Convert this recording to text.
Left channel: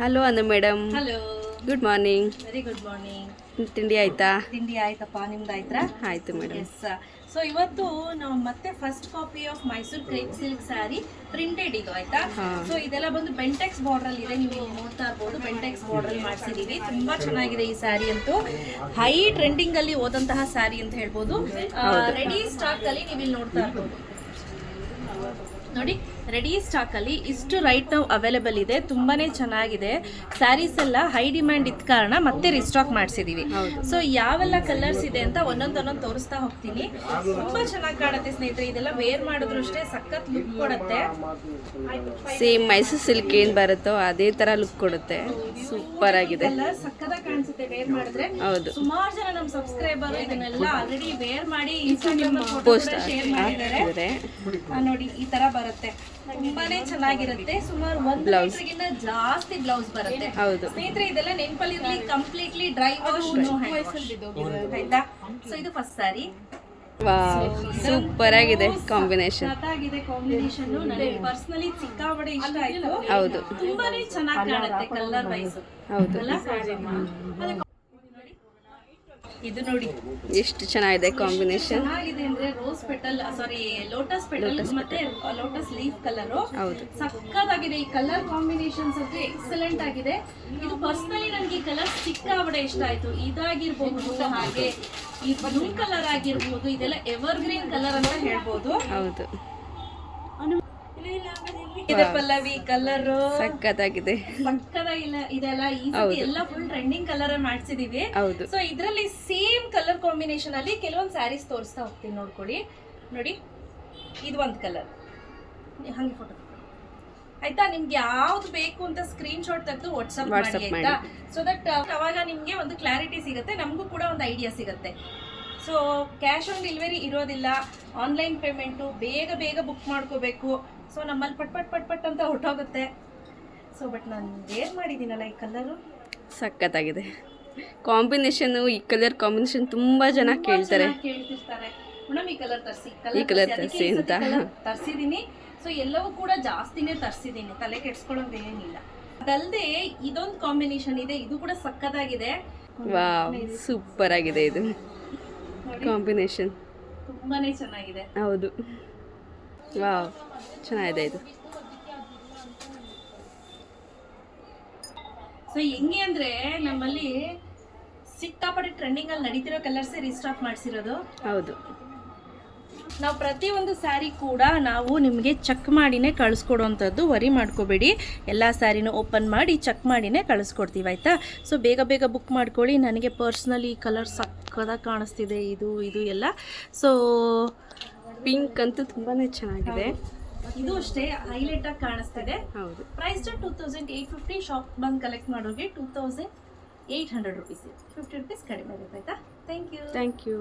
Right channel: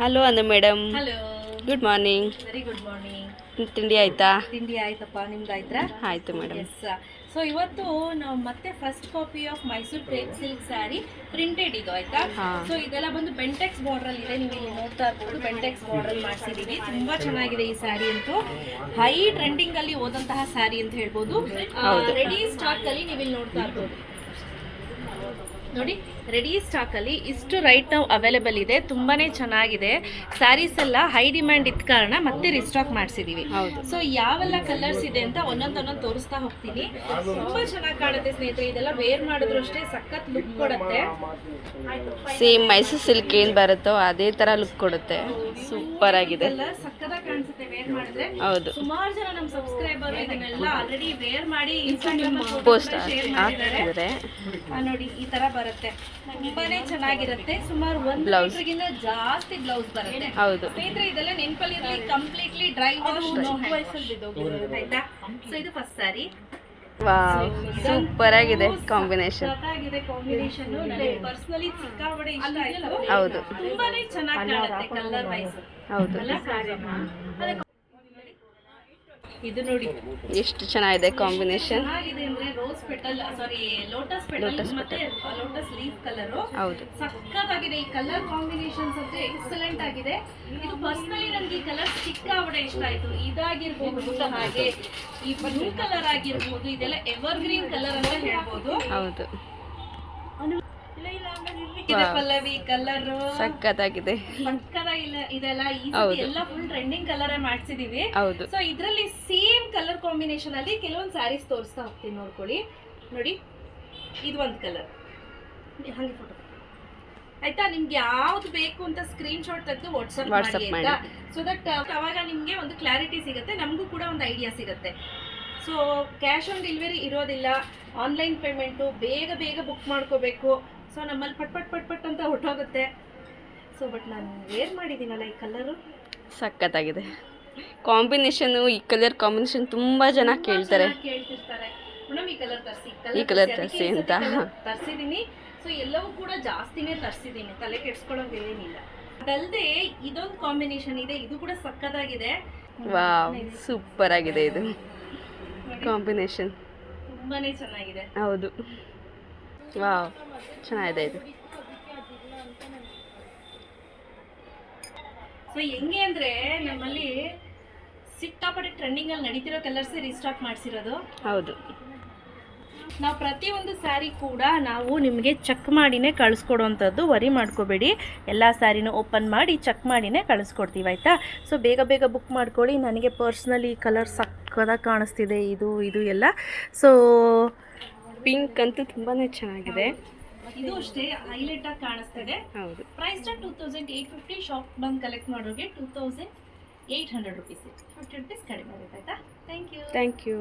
Hello ಅಂದ madam. Hello, good morning. Very good morning. ತಿಂಡಿ ಆಯ್ತಾ? ತಿಂಡಿ ಆಯ್ತಪ್ಪ, ನಿಮ್ದು ಆಯ್ತಾ? ಆಯ್ತು ಮೇಡಮ್. ಎಸ್. ಸೊ ಇವತ್ತು ನಾವು ಮತ್ತೆ first copy of Mysore crepe silk sari printed ಇದು ಆಯ್ತಾ. ಸೊ ಇದೆಲ್ಲ ಬಂದು ಬೆಂಟೆಕ್ಸ್ ಬಾರ್ಡರ್ ಇದೆ, ನೀವು ಇಲ್ಲಿ ನೋಡ್ತಾ ಇರ್ಬೋದು. ಬೆಂಟೆಕ್ಸ್ ಬಾರ್ಡರ್ ಮಾಡಿಸಿದೀವಿ, ತುಂಬಾ ಚೆನ್ನಾಗಿದೆ ಈ ಸ್ಯಾರಿ ಅಂತೂ. ಹೈ ಟ್ರೆಂಡಿಂಗ್ ಅಲ್ಲಿ ಹೋದಂತಹ ಸ್ಯಾರಿ ಅಂತ ಹೇಳ್ಬೋದು. ರೆಡಿ ಸ್ಟಾಕ್ ಅಲ್ಲಿ ನೀವು ಇಲ್ಲಿ ನೋಡ್ತಾ ಇರ್ಬೋದು ನೋಡಿ. ರೆಡಿ ಸ್ಟಾಕ್ ಅಲ್ಲಿ ಇಷ್ಟು ರೈಟ್ ನಾವು ಅವೈಲೇಬಲ್ ಇದೆ, ತುಂಬಾನೇ ಚೆನ್ನಾಗಿದೆ. ಸ್ಯಾರೀಸ್ ಎಲ್ಲ ಹೈ ಡಿಮ್ಯಾಂಡ್ ಇದ್ದ ಕಾರಣ ಮತ್ತೆ ರಿಸ್ಟಾಕ್ ಮಾಡಿಸಿದೀವಿ. ಸೊ ಯಾವೆಲ್ಲ ಕಲರ್ಸ್ ಇದೆ ಅಂತ ಒಂದೊಂದೊಂದೊಂದು ತೋರಿಸ್ತಾ ಹೋಗ್ತೀನಿ. ತುಂಬಾ ಚೆನ್ನಾಗಿ ಕಾಣುತ್ತೆ ಸ್ನೇಹಿತರೆ, ಇದೆಲ್ಲ ವೇರ್ ಮಾಡಿದ್ರು ಅಷ್ಟೇ ಸಖತ್ ಲುಕ್ ಕೊಡುತ್ತೆ. ಸೇಮ್ ಮೈಸೂರು ಸಿಲ್ಕ್ ಏನ್ ಬರುತ್ತೋ ಅದೇ ತರ ಲುಕ್ ಕೊಡುತ್ತೆ. ಸೂಪರ್ ಆಗಿದೆ, ಸಕ್ಕತ್ತಾಗಿ ಕಾಣಿಸುತ್ತೆ ವೇರ್ ಮಾಡಿದ್ರೆ. ಹೌದು. ಸುಮಾರು ಜನ ನಮ್ಮ ಸಬ್ಸ್ಕ್ರೈಬರ್ ಇದನ್ನೆಲ್ಲ ಆಲ್ರೆಡಿ ವೇರ್ ಮಾಡಿ ಪೋಸ್ಟ್ ಶೇರ್ ಮಾಡಿದ್ದಾರೆ. ನೋಡಿ ಈ ತರ ಬರುತ್ತೆ, ತುಂಬಾನೇ ಚೆನ್ನಾಗಿರುತ್ತೆ. ಸುಮಾರು ಒಂದು ಮೀಟರ್ಗಿಂತ ಜಾಸ್ತಿ ಬ್ಲೌಸ್ ಬರುತ್ತೆ. ಹೌದು ಸ್ನೇಹಿತರೆ, ಇದೆಲ್ಲ ನೆನಪಲ್ಲಿ ಇರಲಿ, ಕಂಪ್ಲೀಟ್ಲಿ ಡ್ರೈ ವಾಶ್, ನೋ ಆಯ್ತಾ. ಸೊ ಇದು ಫಸ್ಟ್ ಸ್ಯಾರಿ. ವಾವ್, ಸೂಪರ್ ಆಗಿದೆ ಕಾಂಬಿನೇಷನ್. ಕಾಂಬಿನೇಷನ್ ಪರ್ಸನಲಿ ಸಿಕ್ಕಾಪಟ್ಟೆ ಇಷ್ಟ ಆಯ್ತು. ಹೌದು, ತುಂಬಾನೇ ಚೆನ್ನಾಗಿ ಕಾಣುತ್ತೆ ಕಲರ್ ವೈಸ್. ಹೌದು. ಇದು ನೋಡಿ ಎಷ್ಟು ಚೆನ್ನಾಗಿದೆ ಕಾಂಬಿನೇಷನ್. ಚೆನ್ನಾಗಿದೆ ಅಂದ್ರೆ ರೋಸ್ ಪೆಟಲ್, ಸಾರಿ ಲೋಟಸ್ ಪೆಟಲ್ ಮತ್ತೆ ಲೋಟಸ್ ಲೀಫ್ ಕಲರ್. ಹೌದು, ಸಕ್ಕತ್ತಾಗಿದೆ. ಈ ಕಲರ್ ಕಾಂಬಿನೇಷನ್ಸ್ ಅಂತೂ ಎಕ್ಸಲೆಂಟ್ ಆಗಿದೆ. ಇದು ಪರ್ಸನಲಿ ನನಗೆ ಈ ಕಲರ್ ಸಿಕ್ಕಾಪಟ್ಟೆ ಇಷ್ಟ ಆಯ್ತು. ಇದಾಗಿರ್ಬೋದು, ಹಾಗೆ ಈ ಬ್ಲೂ ಕಲರ್ ಆಗಿರ್ಬೋದು, ಇದೆಲ್ಲ ಎವರ್ ಗ್ರೀನ್ ಕಲರ್ ಅಂತ ಹೇಳ್ಬೋದು. ಹೌದು, ಇದೆ ಪಲ್ಲವಿ ಕಲರ್ ಸಕ್ಕತ್ತಾಗಿದೆ. ಪಕ್ಕದಾಗಿಲ್ಲ ಇದೆಲ್ಲ ಈ ಸತಿ ಎಲ್ಲ ಫುಲ್ ಟ್ರೆಂಡಿಂಗ್ ಕಲರ್ ಮಾಡ್ಸಿದೀವಿ. ಹೌದು. ಸೊ ಇದರಲ್ಲಿ ಸೇಮ್ ಕಲರ್ ಕಾಂಬಿನೇಷನ್ ಅಲ್ಲಿ ಕೆಲವೊಂದು ಸ್ಯಾರೀಸ್ ತೋರಿಸ್ತಾ ಹೋಗ್ತೀನಿ, ನೋಡ್ಕೊಳ್ಳಿ. ನೋಡಿ, ಇದು ಒಂದು ಕಲರ್, ಹಂಗೆ ಫೋಟೋ ಆಯ್ತಾ. ನಿಮ್ಗೆ ಯಾವ್ದು ಬೇಕು ಅಂತ ಸ್ಕ್ರೀನ್ ಶಾಟ್ ತೆಗೆದು ವಾಟ್ಸ್ಆಪ್ ಮಾಡಿ ಆಯ್ತಾ. ಸೊ ದಟ್ ಅವಾಗ ನಿಮ್ಗೆ ಒಂದು ಕ್ಲಾರಿಟಿ ಸಿಗುತ್ತೆ, ನಮಗೂ ಕೂಡ ಒಂದು ಐಡಿಯಾ ಸಿಗುತ್ತೆ. ಸೊ ಕ್ಯಾಶ್ ಆನ್ ಡೆಲಿವರಿ ಇರೋದಿಲ್ಲ, ಆನ್ಲೈನ್ ಪೇಮೆಂಟು. ಬೇಗ ಬೇಗ ಬುಕ್ ಮಾಡ್ಕೋಬೇಕು. ಸೊ ನಮ್ಮಲ್ಲಿ ಪಟ್ ಅಂತ ಹೊರಟೋಗುತ್ತೆ. ಸೊ ಬಟ್ ನಾನು ವೇರ್ ಮಾಡಿದ್ದೀನಲ್ಲ ಈ ಕಲರು, ಸಕ್ಕತ್ತಾಗಿದೆ ಕಾಂಬಿನೇಷನ್. ಈ ಕಲರ್ ಕಾಂಬಿನೇಷನ್ ತುಂಬಾ ಜನ ಕೇಳ್ತಿರ್ತಾರೆ, ಮೇಡಮ್ ಈ ಕಲರ್ ತರಿಸಿ, ಈ ಕಲರ್ ತರಿಸಿ ಅಂತ ತರಿಸಿದ್ದೀನಿ. ಸೊ ಎಲ್ಲವೂ ಕೂಡ ಜಾಸ್ತಿನೇ ತರಿಸಿದ್ದೀನಿ, ತಲೆ ಕೆಡ್ಸ್ಕೊಳ್ಳೋದೇನಿಲ್ಲ. ಅದಲ್ಲದೆ ಇದೊಂದು ಕಾಂಬಿನೇಷನ್ ಇದೆ, ಇದು ಕೂಡ ಸಕ್ಕತ್ತಾಗಿದೆ. ವಾವ್, ಸೂಪರ್ ಆಗಿದೆ ಇದು ಕಾಂಬಿನೇಷನ್, ತುಂಬಾನೇ ಚೆನ್ನಾಗಿದೆ. ಹೌದು, ವಾವ್, ಚೆನ್ನಾಗಿದೆ ಇದು. ಸೊ ಹೆಂಗೆ ಅಂದ್ರೆ ನಮ್ಮಲ್ಲಿ ಸಿಕ್ಕಾಪಟ್ಟೆ ಟ್ರೆಂಡಿಂಗ್ ಅಲ್ಲಿ ನಡೀತಿರೋ ಕಲರ್ಸೇ ರೀಸ್ಟಾಕ್ ಮಾಡಿಸಿರೋದು. ಹೌದು, ನಾವು ಪ್ರತಿಯೊಂದು ಸ್ಯಾರಿ ಕೂಡ ನಾವು ನಿಮಗೆ ಚೆಕ್ ಮಾಡಿನೇ ಕಳಿಸ್ಕೊಡುವಂಥದ್ದು. ವರಿ ಮಾಡ್ಕೋಬೇಡಿ, ಎಲ್ಲ ಸ್ಯಾರಿನೂ ಓಪನ್ ಮಾಡಿ ಚೆಕ್ ಮಾಡಿನೇ ಕಳಿಸ್ಕೊಡ್ತೀವಿ ಆಯಿತಾ. ಸೊ ಬೇಗ ಬೇಗ ಬುಕ್ ಮಾಡ್ಕೊಳ್ಳಿ. ನನಗೆ ಪರ್ಸ್ನಲಿ ಕಲರ್ ಸಕ್ಕದಾಗಿ ಕಾಣಿಸ್ತಿದೆ, ಇದು ಎಲ್ಲ. ಸೊ ಪಿಂಕ್ ಅಂತೂ ತುಂಬಾ ಚೆನ್ನಾಗಿದೆ. ಇದು ಅಷ್ಟೇ ಹೈಲೈಟ್ ಆಗಿ ಕಾಣಿಸ್ತಿದೆ. ಹೌದು. ಪ್ರೈಸ್ 2850. ಶಾಪ್ ಬಂದು ಕಲೆಕ್ಟ್ ಮಾಡೋರಿಗೆ 2800 ರುಪೀಸ್, 50 ರುಪೀಸ್ ಕಡಿಮೆ ಆಗುತ್ತೆ ಆಯಿತಾ. Thank you.